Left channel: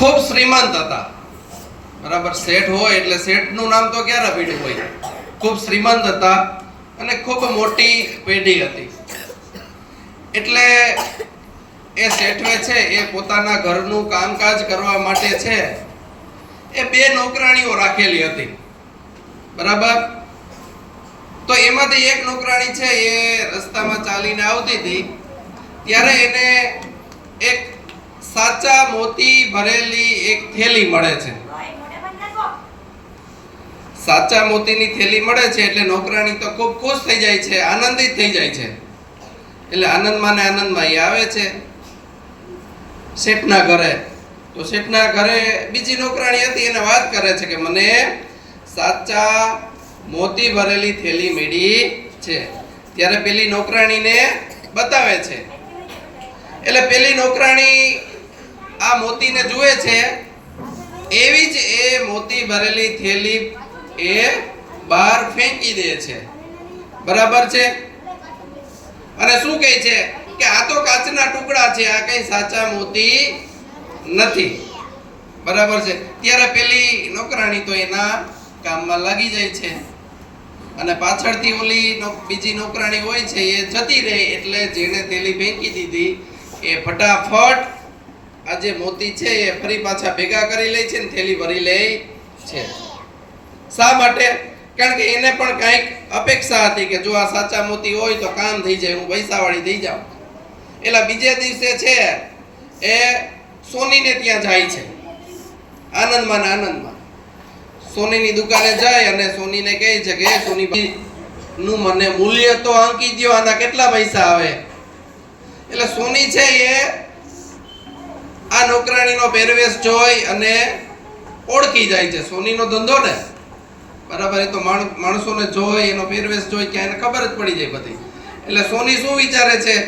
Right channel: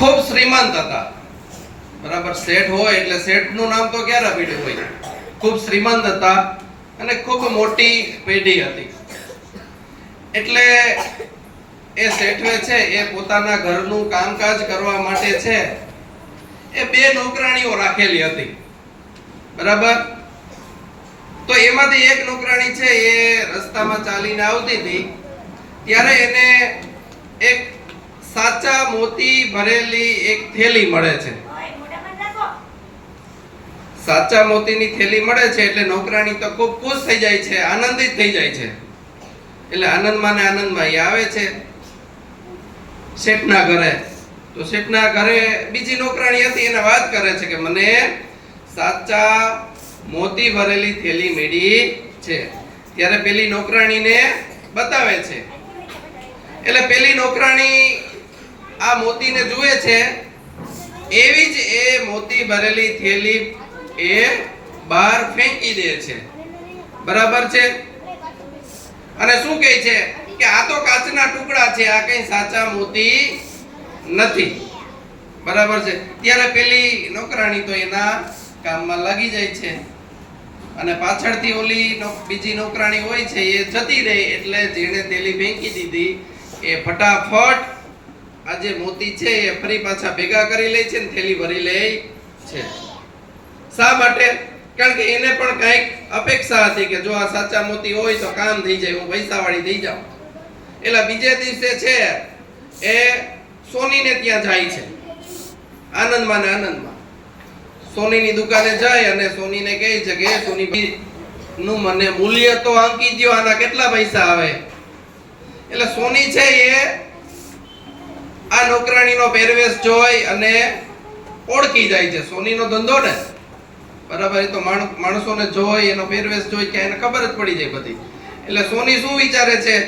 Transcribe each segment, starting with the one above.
ખૂબ શ્રીમંત હતા. બરાબર, શેઠ હોય એટલે શેઠનું નામ તો ક્યારે પીઢી હોય? ખૂબ શ્રીમંત હતા અને ખૂબ મોટી પેઢી હતી. એટલે એ શેઠવે છે, એ પોતાના ઘરનું કામકાજ કરવા માટે છે, એ બે નોકરાણીઓ રાખેલી હતી. બરાબર? તો એમાંથી એક નોકરાણી છે, એ રસ્તામાં ચાલીને આવતી હતી. ત્યારે એને એક સાચા મોતી ભરેલી એક થેલી મળે છે. સાચા મોતીની થેલી મળે છે એટલે નોકરાણી તો ખૂબ ખુશ થઈ જાય છે, આનંદિત થઈ જાય છે. એટલે આનંદમાં ને આનંદમાં એ આવે છે. શેઠના ઘરે, તો શેઠના ઘરે બીજી નોકરાણી હતી, એને વાત કરે છે કે મને સાચા મોતી ભરેલી થેલી મેળી છે. ત્યારે પેલી નોકરાણીને બતાવે છે. એટલે પેલી નોકરાણી આ મોતીને જુએ છે? એવી જ એ મોતી ભરેલી થેલી એ બહાર ફેંકી દે છે. બરાબર છે? અને શું કહે છે? કે આ તો કાચના ટુકડા છે, આ કઈ સાચા મોતી નથી. બરાબર છે? ત્યારે પેલી નોકરાણી તો એના કામમાં લાગી જાય છે. અને પાછળથી ઓલી બીજી નોકરાણી હોય છે, એ જતી રહે એટલે જેણે તેલી ફેંકી દીધી, એ ફટાફટ આ જે મોતી છે, એ ફરી પાછા ભેગા કરી લે છે ને થેલી ભરી લે છે. શા માટે? કારણ કે એને પણ કંઈક અપેક્ષા હતી કે જો આ સાચા મોતી હોય તો કામ થઈ જાય, હું પૈસાવાળી થઈ જાઉં. એટલે બીજે દિવસે છે, એ સોનીને ત્યાં જાય છે. આનંદમાં ને આનંદમાં. સોનીની દુકાને જાય અને સોનીને કહે છે કે સોની નું મને મૂલ્ય તો આંકી દો આના કેટલા પૈસા આવે? એટલે સોની છે એ આ નોકરાણીનો પહેરવેશ જોઈ અને ઓળખી જાય છે. સોનીનો ધંધો ને? બરાબર, એ તો માણ- માણસોને જોઈ, એનો પહેરવેશ જોઈ કે એને ખબર જ પડી જાય બધી. એટલે સોની શું વિચારે છે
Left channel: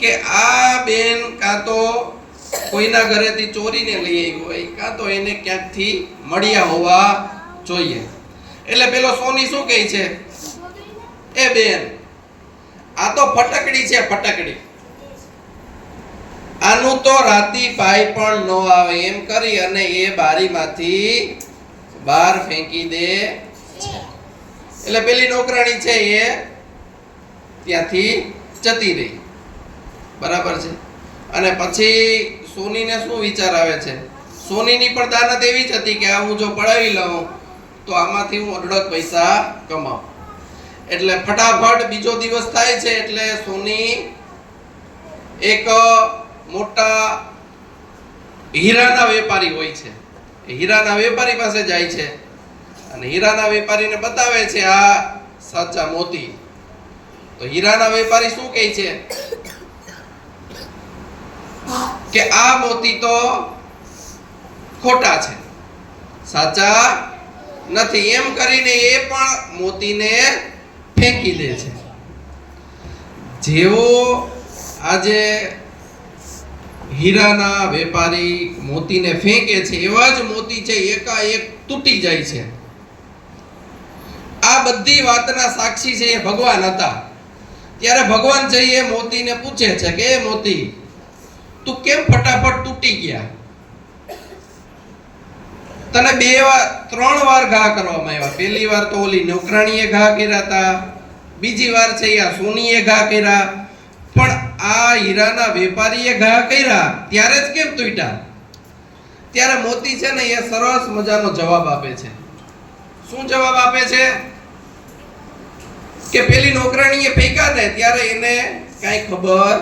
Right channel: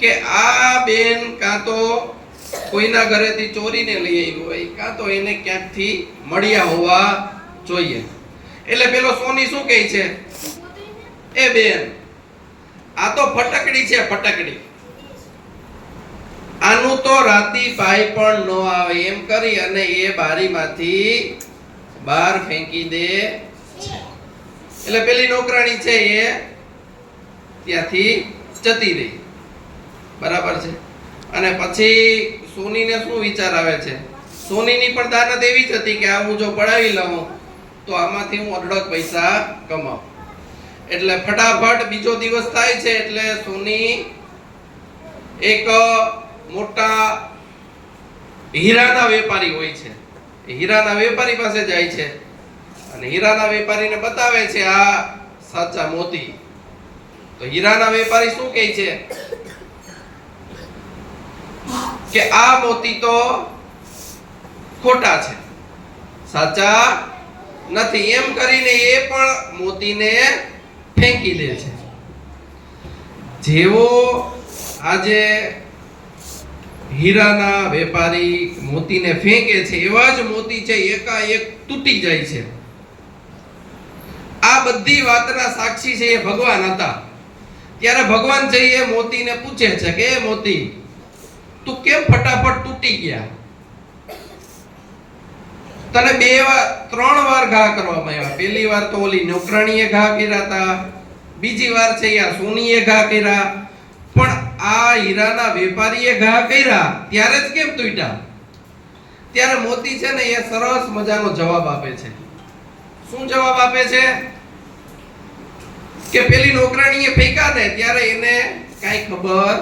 કે આ બેન કાં તો કોઈના ઘરેથી ચોરીને લઈ આવી હોય, કાં તો એને ક્યાંકથી મળ્યા હોવા જોઈએ. એટલે પેલો સોની શું કહે છે? એ બેન, આ તો ફટકડી છે, ફટકડી. આનું તો રાતી પાઈ પણ ન આવે, એમ કરી અને એ બારીમાંથી બહાર ફેંકી દે એટલે પેલી નોકરાણી છે એ ત્યાંથી જતી રહી. બરાબર છે? અને પછી સોનીને શું વિચાર આવે છે? સોનીની પણ દાનત એવી જ હતી કે આ હું જો પડાવી લઉં, તો આમાંથી હું અઢળક પૈસા કમાઉં. એટલે ફટાફટ બીજો દિવસ થાય છે એટલે સોની એક મોટા હીરાના વેપારી હોય છે. હીરાના વેપારી પાસે જાય છે. અને હીરાના વેપારીને બતાવે છે આ સાચા મોતી. તો હીરાના વેપારી શું કહે છે? કે આ મોતી તો ખોટા છે. સાચા નથી. એમ કરીને એ પણ મોતીને ફેંકી દે છે. જેવો આજે હીરાના વેપારી મોતીને ફેંકે છે, એવા જ મોતી છે, એકાએક તૂટી જાય છે. આ બધી વાતના સાક્ષી છે એ ભગવાન હતા. ત્યારે ભગવાન છે એ મોતીને પૂછે છે કે, એ મોતી, તું કેમ ફટાફટ તૂટી ગયા? તને બે વાર, ત્રણ વાર ઘા કરવામાં આવ્યા. પહેલી વાર તો ઓલી નોકરાણીએ ઘા કર્યા હતા બીજી વાર છે યા સોનીએ ઘા કર્યા. આ હીરાના વેપારીએ ઘા કર્યા, ત્યારે જ કેમ તૂટ્યા? ત્યારે મોતી છે ને એ સરસ મજાનો જવાબ આપે છે. શું જવાબ આપે છે? કે પેલી નોકરાણીએ ફેંકા ને ત્યારે એને કાંઈ ખબર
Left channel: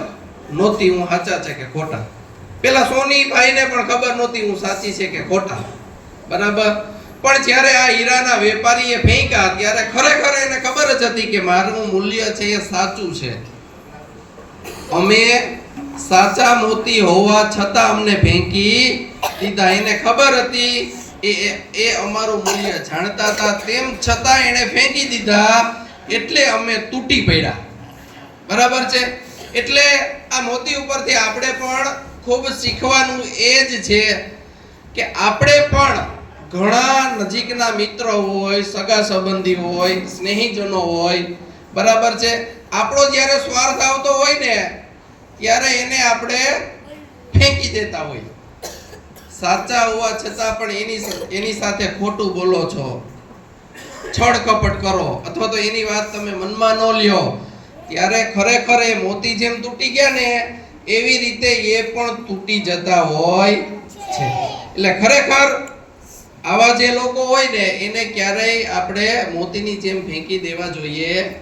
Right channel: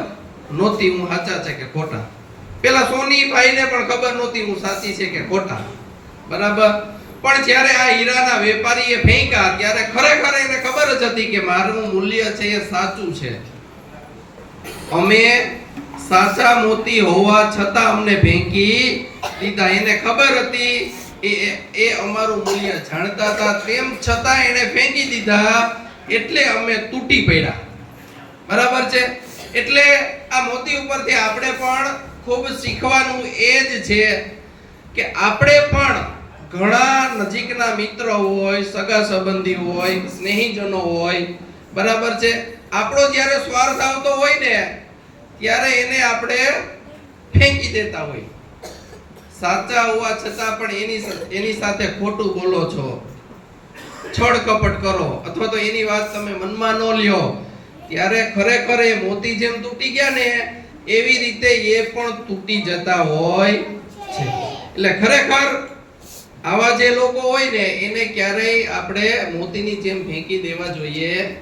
નહોતી, હું સાચા છે કે ખોટા? પેલા સોની ભાઈને પણ ખબર નહોતી, હું સાચી છે કે ખોટા? બરાબર? પણ જ્યારે આ હીરાના વેપારીએ ફેંકા ત્યારે ખરેખર એને ખબર જ હતી કે મારું મૂલ્ય છે એ સાચું છે. અમે સાચા મોતી હોવા છતાં અમને ભેંકી દીધા. એને ખબર હતી, એ એ- અમારું મૂલ્ય જાણતા હતા. તેમ છતાં એને ફેંકી દીધા. એટલે અમે તૂટી પડ્યા. બરાબર છે? એટલે આ મોતી ઉપરથી આપણે પણ ખૂબ શીખવાનું એ જ છે કે આપણે પણ ઘણા નજીકના મિત્રો હોય, સગા સંબંધી હોય, સ્નેહીજનો હોય. બરાબર છે? આપણો જ્યારે સ્વાર્થ આવતો હોય ને ત્યારે એને આપણે ફેંકી દેતા હોય. સાચા હોવા છતાં પણ એની એની સાથે ખોટું બોલો છો. છળ કપટ કરો. અથવા તો એની વાત તમે મનમાં ન લ્યો. ત્યારે ખરેખર એ મોતી જેમ તૂટી ગયા ને, એવી રીતે એ પણ તૂટી જતા હોય છે. એટલે ખરેખર આવા જે લોકો હોય ને, એને ક્યારેય આપણે મોતીની જેમ ફેંકી દેવા જોઈએ.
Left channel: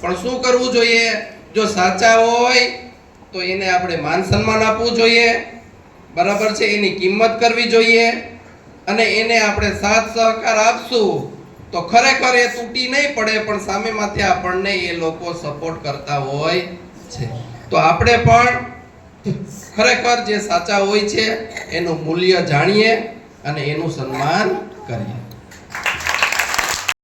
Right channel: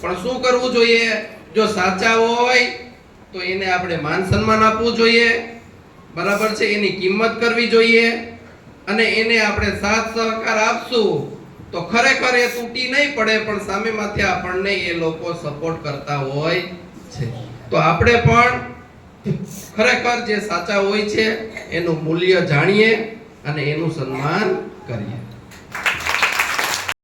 પણ શું કરવું જોઈએ? જો સાચા હોય, તો એને આપણે માન સન્માન આપવું જોઈએ. બરાબર છે, એની કિંમત કરવી જોઈએ. અને એને આપણે સાથ સહકાર આપશું, તો ખરેખર એ તૂટી નહીં પડે, પણ સામેમાંથી આપણને એ લોકો સપોર્ટ કરતા હોય છે. તો આપણે પણ ખરેખર જે સાચા હોય છે, એનું મૂલ્ય જાણીએ અને એનું સન્માન કરીએ.